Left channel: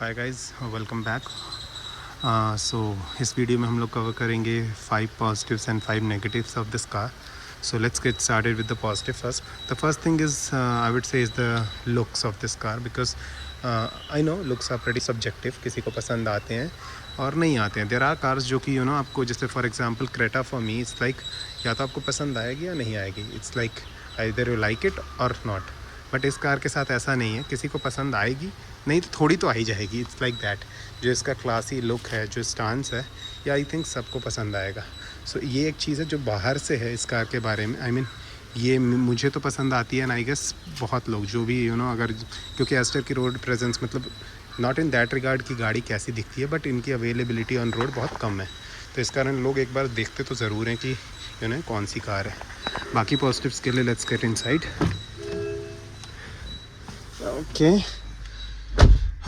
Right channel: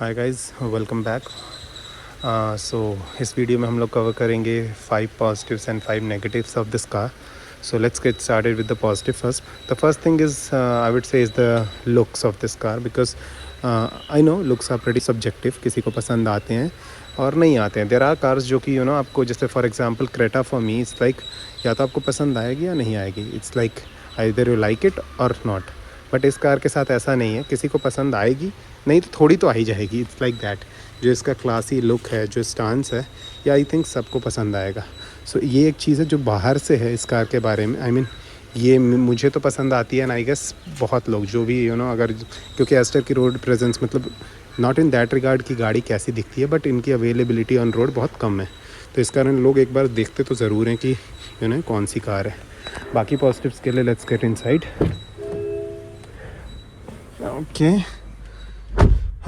हाय guys, welcome back. So इस video में हम लोग कवर करेंगे 5 positives and 5 negatives of this car. So let's get started with the positive first. The first thing is I would say is the looks of this car because I know looks are pretty subjective. किसी को पसंद आते हैं और नहीं आते हैं. There are cars जो कि आपको जैसे for example Creta for me it's like या तो आपको पसंद आएगी या नहीं आएगी. It's like either you like it और नॉट. बट इस कार के साथ ऐसा नहीं है, किसी को पसंद आएगी नहीं तो थोड़ी तो आ ही जाएगी. It's like that. जो इसका क्लासी लुक है, जो स्टांस है, या आई थिंक सबको पसंद आएगा. सो ये एक चीज़ है जो बाहर से है इस कार के बारे में. आई मीन ये मुझे तो पसंद आती है, एंड आई गेस बहुत लोग जो भी अगर क्योंकि एस्टर की रोड प्रेजेंस मतलब नॉट इन दैट रिगार्ड की गाड़ी कैसी दिखती है, बट इनकी अवेलेबिलिटी ऑन रोड बहुत कम है. तो इस कारण लोग एक बार देखते तो ज़रूर हैं कि कौन सी कार है. बाकी पॉजिटिव्स के लिए let's get inside.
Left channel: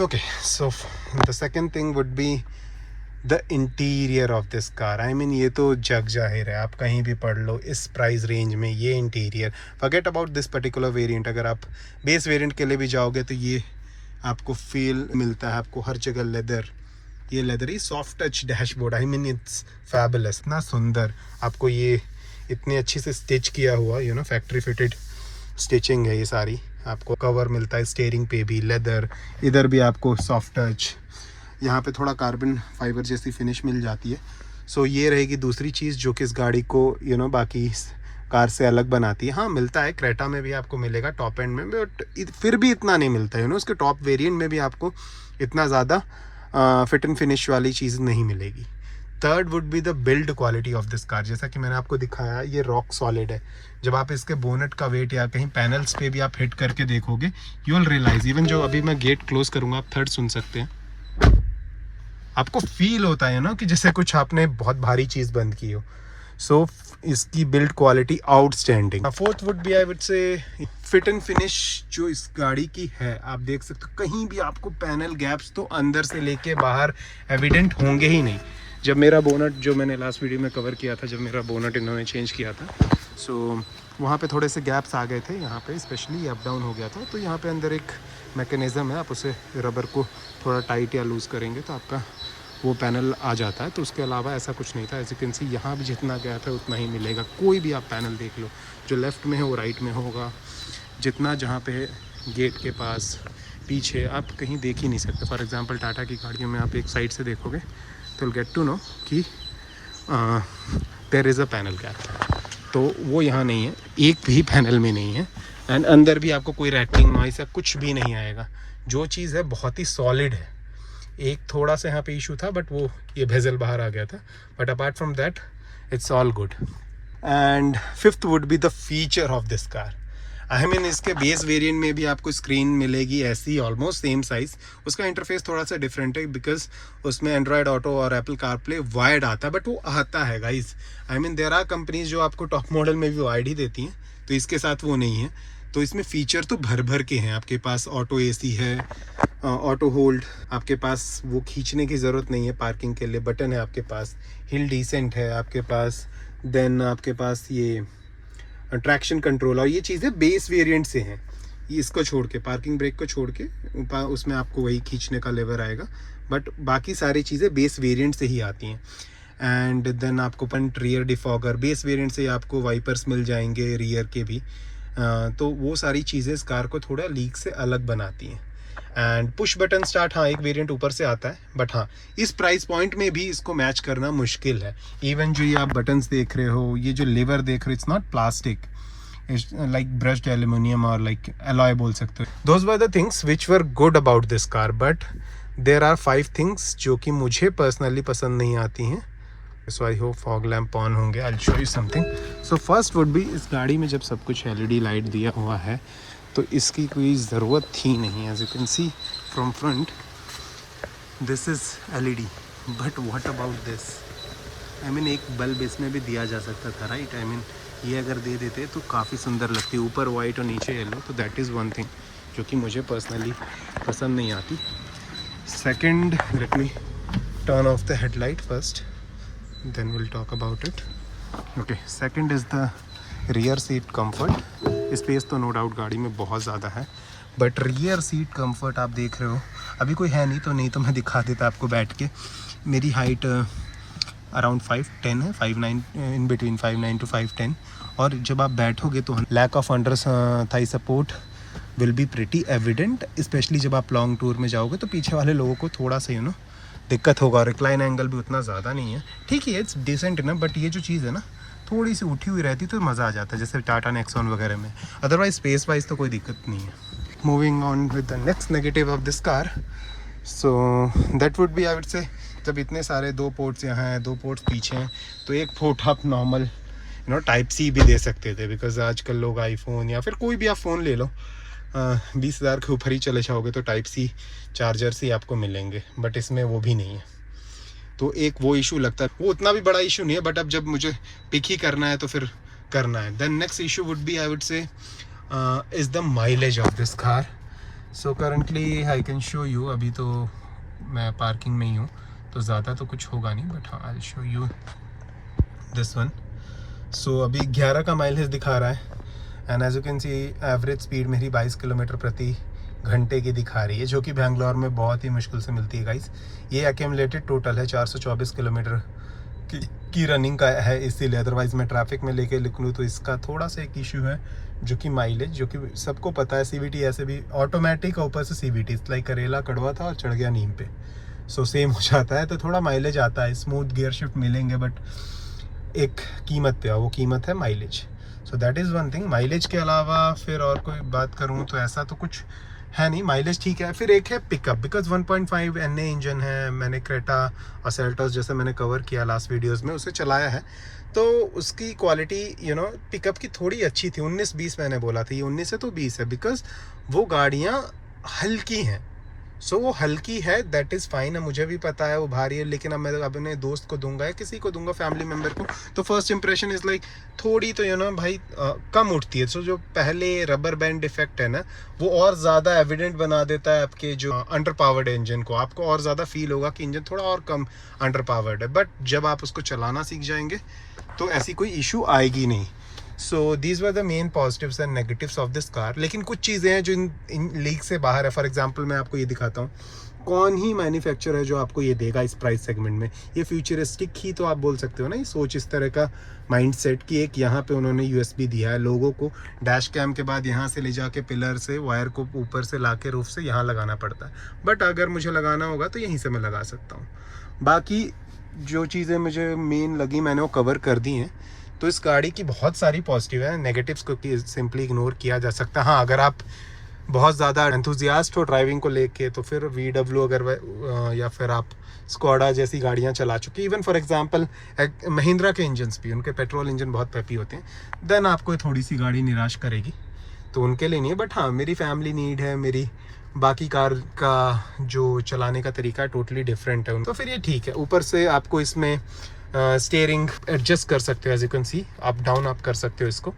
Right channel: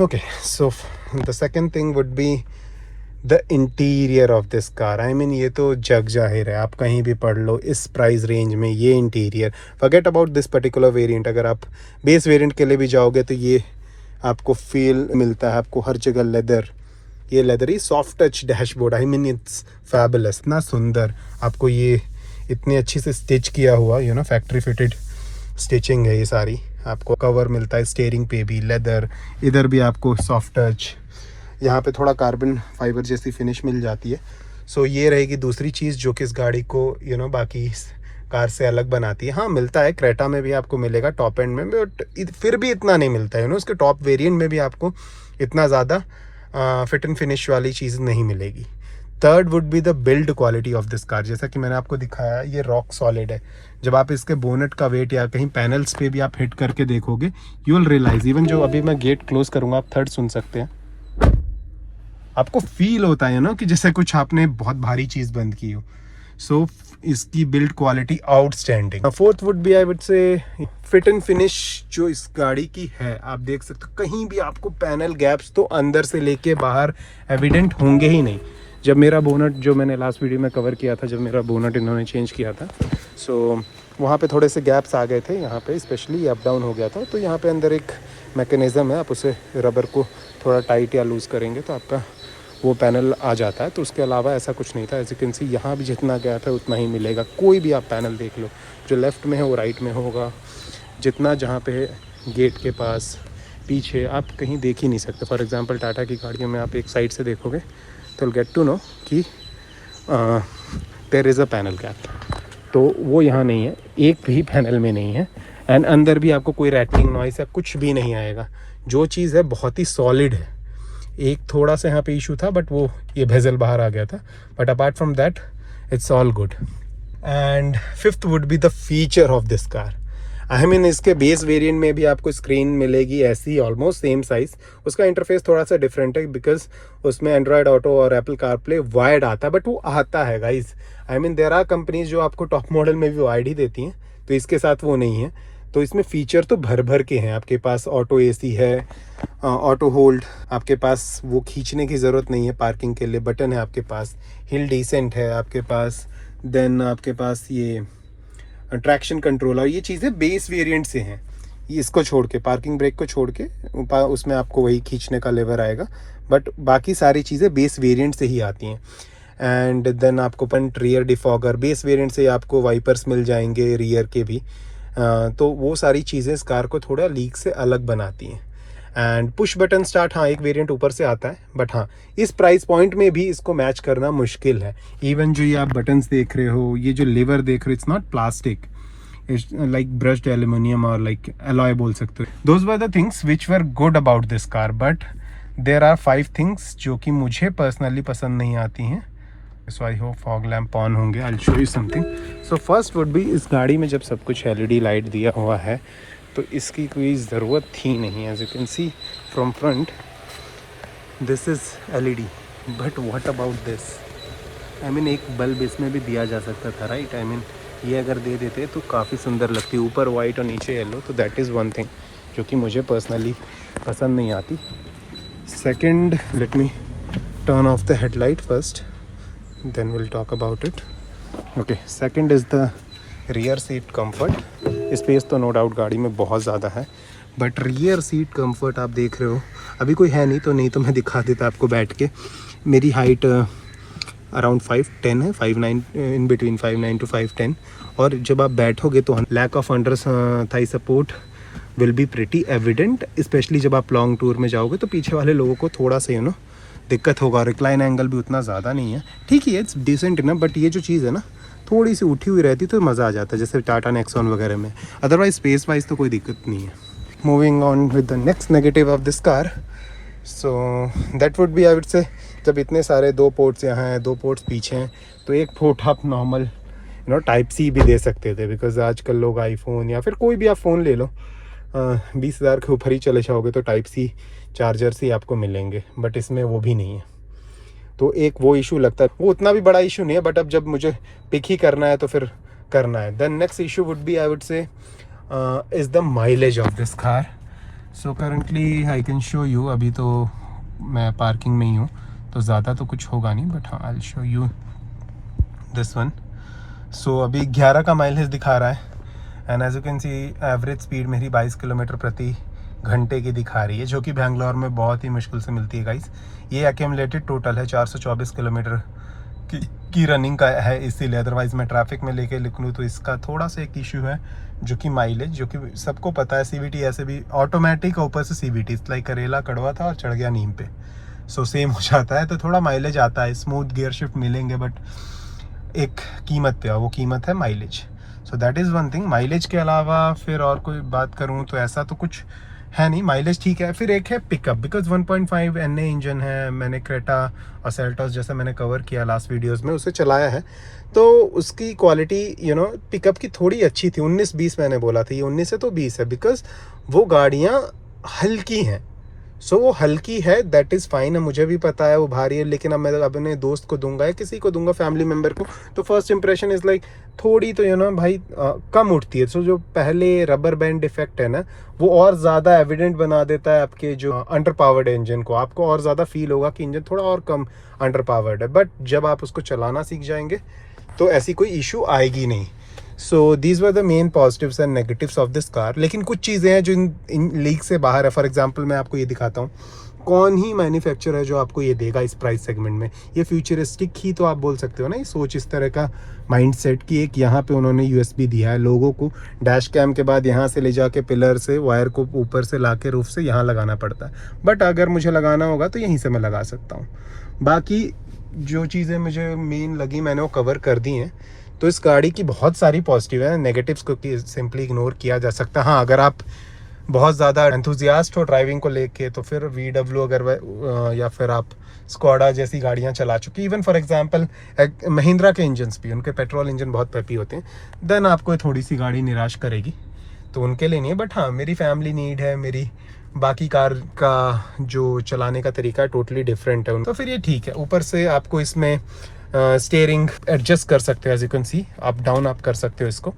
Okay, so the second thing would be the interior of this car. I mean ये तो जग जाहिर है, आप कहीं भी पढ़ लो इस प्राइस रेंज में ये interior. Forget about this particular variant. अगर आप बेस वेरिएंट के लिए भी जाओगे तो ये आपको फील मिलता है. आपको हर जगह लेदर, ये leather he soft touch dashboard. I mean it's fabulous. इतना सुंदर आपको ये इतनी अच्छी से स्टिच किया हुआ फैक्ट्री फिटेड स्टिचिंग है ये सारी. आपको कवर मिलता है स्टीयरिंग पे भी लेदर, इधर भी आपको सॉफ्ट टच, यहाँ पे थोड़ा कार्बन फाइबर जैसी फिनिश मिल जाती है. सो ये रहेगी दूसरी चीज़ जो कि इस गाड़ी को बाकी कार से अलग बनाती है. हाँ, मिलता है क्रेटा में भी आपको मिलेगा टॉप एंड में, बट फिर भी इतना नहीं मिलता है. उसके टॉप वेरिएंट में भी आपको इतना ज़्यादा फिट एंड फिनिश वाली चीज़ नहीं मिलेगी. Third would be the build quality of this car. जैसा कि मैंने आपको दिखाया, ये रॉक सॉलिड है. जब आप इसके बोनेट का वेट या कहीं पैनल्स पे भी आप हिट करके देखोगे, यू विल रियलाइज. इवन जो अभी मैं गेट क्लोज करूंगा, आप थर्ड सुन सकते हैं. आपको फील होता है कि जैसे कुछ आपने बहुत भारी चीज़ बंद की हो. सो इसकी build quality outstanding. Fourth would be I would say fit and finish जो इस गाड़ी की है. आप देख सकते हो कहीं भी आपको पैनल गैप्स तो अंदर से लेके बाहर एविडेंट होंगे ही नहीं. जब मेरा बोनट, जो मैंने लास्ट वीडियो में कवर किया था, जब मेरा बोनट इन्होंने चेंज किया था, सो वहाँ पे थोड़े से गैप्स आ गए थे. यहाँ पे स्पेशली अप डाउन हो गया था. तो यहाँ पे अंदर एक मैकेनिज़्म है, आप उसे रबर को थोड़ा टाइट या लूज़ करेंगे तो आपका वो पैनल आ जाता है. तो उसके अलावा ऐसा कुछ नहीं था. एज यू कैन सी यहाँ भी जितना गैप है उतना ही मिलेगा. कोई भी आप पैनल देख लो, जो लेफ़्ट में है वो राइट में होगा. जितना जहाँ पे गेट के पास पीछे आप कहीं देख ही नहीं सकते. फॉर एग्ज़ाम्पल टाटा की गाड़ियों में आप एक साइड से देखोगे तो गेट टू नो कि there is a panel gap. तो वो यहाँ नहीं है, एक भी पैनल में नहीं है. एंड अंदर भी आपको कोई रैटलिंग नॉइस या कुछ भी नहीं आएगा. जो चीज़ है बहुत ही सॉलिड है. एक थोड़ा सा यहाँ पे इशू था, बट वो ये बेजल बाहर आ गया था. But apart from that it's all good. And fifth would be the feature of this car. I mean इसके बेस वेरिएंट में भी आपको स्क्रीन मिलेगी ऐसी ऑलमोस्ट सेम साइज़. उसका इंटरफेस थोड़ा सा डिफरेंट है बिकॉज उसमें एंड्रॉयड ऑटो और एप्पल कारप्ले वायर्ड आता है, बट वो आता है guys. I mean there are companies जो आपको टॉप मॉडल में भी वायर्ड ही देती हैं, तो इसके साथ वो नहीं है. तो इसमें फ़ीचर तो भर भर के हैं. आपके पास ऑटो एसी है, ऑटो होल्ड, आपके पास वो खींचने की ज़रूरत नहीं है. पार्किंग के लिए बटन है आपके पास. हिल डिसेंट है आपके पास. देन आपके पास ये ट्रैक्शन कंट्रोल, और ये चीज़ें बेस वेरिएंट से हैं. इसको छोड़ के, पार्किंग ब्रेक को छोड़ के, उसमें आपको वही खींचने का लेवर आएगा. बट बाकी सारी चीज़ें बेस वेरिएंट से ही आती हैं. एंड देन आपको front rear defogger base variant से आपको वाइपर्स मिल जाएंगे रियर के भी. तो वो सारी चीज़ें इस कार को थोड़ा लीक से अलग बनाती हैं. एंड पुश बटन स्टार्ट, हाँ, एक वेरिएंट ऊपर से आता है, बट हाँ इस प्राइस पॉइंट में भी इसको मैच करना मुश्किल है. इवन जो ये आप बटन्स देख रहे हो, ये जो लीवर देख रहे हो, it's not plastic, it's like brushed aluminium और लाइक अलॉय बोल सकते हो. Those were the things which were good about this car. But there are 5 things जो कि मुझे पर्सनली पसंद नहीं आती हैं. So I hope fog lamp on होंगे. I will show you something. So first would be, इस गाड़ी में जब सब कुछ LED लाइट दिया हुआ है तो इसकी कोई ज़रूरत थी नहीं. As you can see from front this is LED, but what about this. I mean एक बल्ब इसमें भी दिया जा सकता था, राइट. आई मीन ये अगर दे देते तो काफ़ी सुंदर लगती. ऊपर वाइट और नीचे येलो. तो दैट इज़ वन थिंग जो कि मुझे पर्सनली पसंद नहीं आती. Second, let me turn off the headlight first, then will talk about it. Okay, second is the rear seat comfort. Space तो नो डाउट गाड़ी में बहुत ज़्यादा है, बट रियर सीट कंफर्ट आप देख रहे हो, अभी कोई है नहीं तो मैं दिखा देता आपको बैठ के। मेरी हाइट अराउंड 5'10" है, 5'9", इन बिटवीन 5'9" to 5'10", और जब आप बैठोगे तो lack of under thigh support will be pretty evident, specially जब आप लॉन्ग टूर में जाओगे तो पीछे वाले लोगों को थोड़ा सा दिक्कत होगा। रिक्लाइन एंगल भी उतना ज़्यादा नहीं है, ठीक है, इट्स डिसेंट ना, बट ये जो चीज़ है ना थोड़ी सी उठी हुई रहती तो मज़ा आ जाता है, जैसे टाटा नेक्सॉन वगैरह में। अदरवाइज स्पेस वाइज तो कोई दिक्कत नहीं है। Moving on with the next negative of this car, so that would be, I would से, जब इतने सारे 2 पोर्ट्स यहाँ हैं, 2 पोर्ट्स पीछे हैं, तो एक पोर्ट आप नॉर्मल टाइप सी भी दे सकते थे, बिकॉज आजकल लोग आईफोन या फिर कोई भी आप फ़ोन ले लो 20,000 के ऊपर ही चले जाओगे तो टाइप सी चार्जर से आपको मिलेंगे, बट इसमें वो भी नहीं है। तो एक वो इशू लगता है, वो उतना भी बड़ा इशू नहीं है, बट अब जब मुझे पिक ही करना है तो फिर करना है। Then next issue would be, I would say, is the mileage of this car. So currently I can show you, अभी तो मैं पार्किंग में ही हूँ तो ज़्यादा तो कुछ होगा नहीं, बट हाँ I will show you this one. So अभी 11 का माइलेज दिखा रहा है, and as you can see average speed मेरी 22 किलोमीटर प्रति घंटे की दिखा रही है, जो कि बैंगलोर में बहुत ही मुश्किल से मिलती है गाइस। ये एक्यूमुलेटेड टोटल है 424 किलोमीटर की रनिंग का है, इसीलिए, अदरवाइज़ मैं ट्रैफिक में लेके लिख लूँ तो इसका थोड़ा सा एक इशू है, जो कि माइलेज, जो कि सबको पता है, CVT ऐसे भी ऑटोमेटिक, ऊपर से CVT, लाइक करेला कड़वा था और चढ़ गया नीम पे, सो सेम हो जाता है, तो थोड़ा माइलेज आता है, स्मूथ गियर शिफ्ट मिलेंगे, बट एक कीमत पे, वो कीमत है mileage. So that is one thing. Mileage के अलावा फिर और कोई बात करूँ तो ऐसा तो कुछ है नहीं, माइलेज ठीक है। फिर एक है पिकअप, बिकॉज 1.5 NA इंजन है, मैंने क्रेटा और सेल्टोस जैसे मैंने कवर किया लास्ट वीडियोस में, उसे चलाया है, तो उसकी क्वालिटी पिकअप की थोड़ी अच्छी थी। 19-20 मैंने बोला था, ये 19 से तो 20 है, बिकॉज वो गाड़ियाँ हल्की हैं। सो वो हल्की है, दैट इज़ फाइन। मुझे भी पता है वो भारी है, लेकिन अब मैं अपने दोस्त को दूंगा या किसी को दूंगा, फैमिली मेम्बर को, तो फर्स्ट इंप्रेशन इज़ लाइक थोड़ी तो भाई कम उठती है। सो जो पहले रबर बैंड इफेक्ट है ना, वो और ज़्यादा एविडेंट बना देता है आपके जो अंडर पावर्ड इंजन को। आपको और ज़्यादा फील होगा कि इंजन थोड़ा और कम अंडर पावर्ड है, बट जब आप उसको चलाना सीख जाएंगे तो ऐसी कोई इशू आएगी नहीं। सो these were the main positives and negatives of this car. लेकिन कुछ चीज़ें हैं जो इन लीग से बाहर है। फॉर एग्जांपल मैं आपको ये दिखाता हूँ, कौन ही मैन्युफैक्चरर है जो आपको ये देगा इस प्राइस सेगमेंट में। ये फ्यूचरिस्टिक ही तो आप बोल सकते हो ना, ये सोच इस तरह का माइंडसेट कि एक यहाँ पे उन्होंने USB दिया है लोगों को, डैश कैम के बाद यहाँ से ले जाके पिलर से वायर को ऊपर से ला के रूफ से यहाँ लगाना पड़ता है, बट अगर मुझे लगाना होगा तो यहीं से मैं लगा सकता हूँ। बाकी जो चीज़ें मुझे मेन लगी मैंने वो कवर कर दी हैं। तो इस गाड़ी की बहुत सारी पॉजिटिव है, नेगेटिव्स को सिंपली इग्नोर किया जा सकता है। हाँ, अगर आप बहुत ज़्यादा एंथुजियास्ट हो ड्राइविंग को लेके तो फिर VW अगर या फिर आप स्कोडा जैसी गाड़ियाँ चला चुकी, इवन फॉर एग्जांपल महिंद्रा के इंजन्स भी, उनके पेट्रोल इंजन बहुत पेपी होते हैं, देन आपको थोड़ी सी गाड़ी निराश करेगी, तो उनके लिए नहीं है। बट हाँ, मेरी फैमिली नीड है, मेरी बाकी कार का जो चलाने का तरीका है टोटली डिफरेंट है, तो फिर ये ठीक है। ऊपर से आपको इसमें स्टीयरिंग एडजस्ट कर सकते हो, as you can see, up down आप कर सकते हो इसको।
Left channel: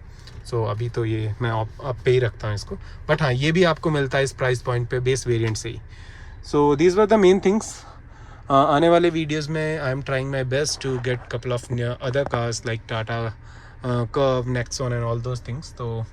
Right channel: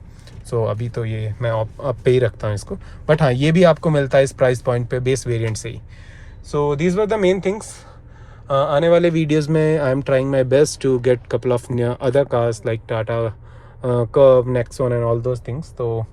सो अभी तो ये मैं अप पे ही रखता हूँ इसको, बट हाँ ये भी आपको मिलता है इस प्राइस पॉइंट पे बेस वेरिएंट से ही। So these were the main things. आने वाले वीडियोस में I am trying my best to get couple of other cars like Tata Curvv, Nexon and all those things. तो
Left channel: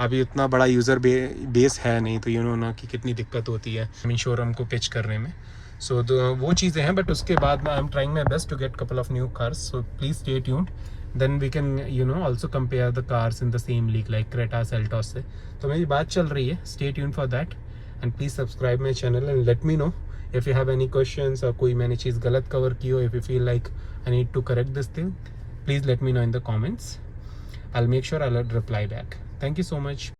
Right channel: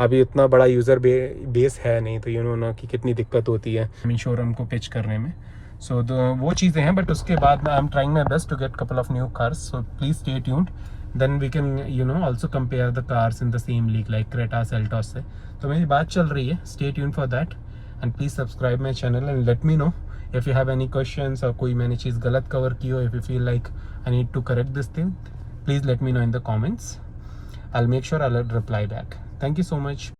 अभी उतना बड़ा यूज़र बेस है नहीं, तो ना कि कितनी दिक्कत होती है शोरूम को पिच करने में। सो वो चीज़ें हैं, बट उसके बाद I am trying my best to get couple of new cars, so please stay tuned. Then we can also compare the cars in the same league like Creta, Seltos से। तो मेरी बात चल रही है, stay tuned for that and please subscribe my channel and let me know if you have any questions or कोई मैंने चीज़ गलत कवर की हो, if you feel like I need to correct this thing, please let me know in the comments. I'll make sure I'll reply back. Thank you so much.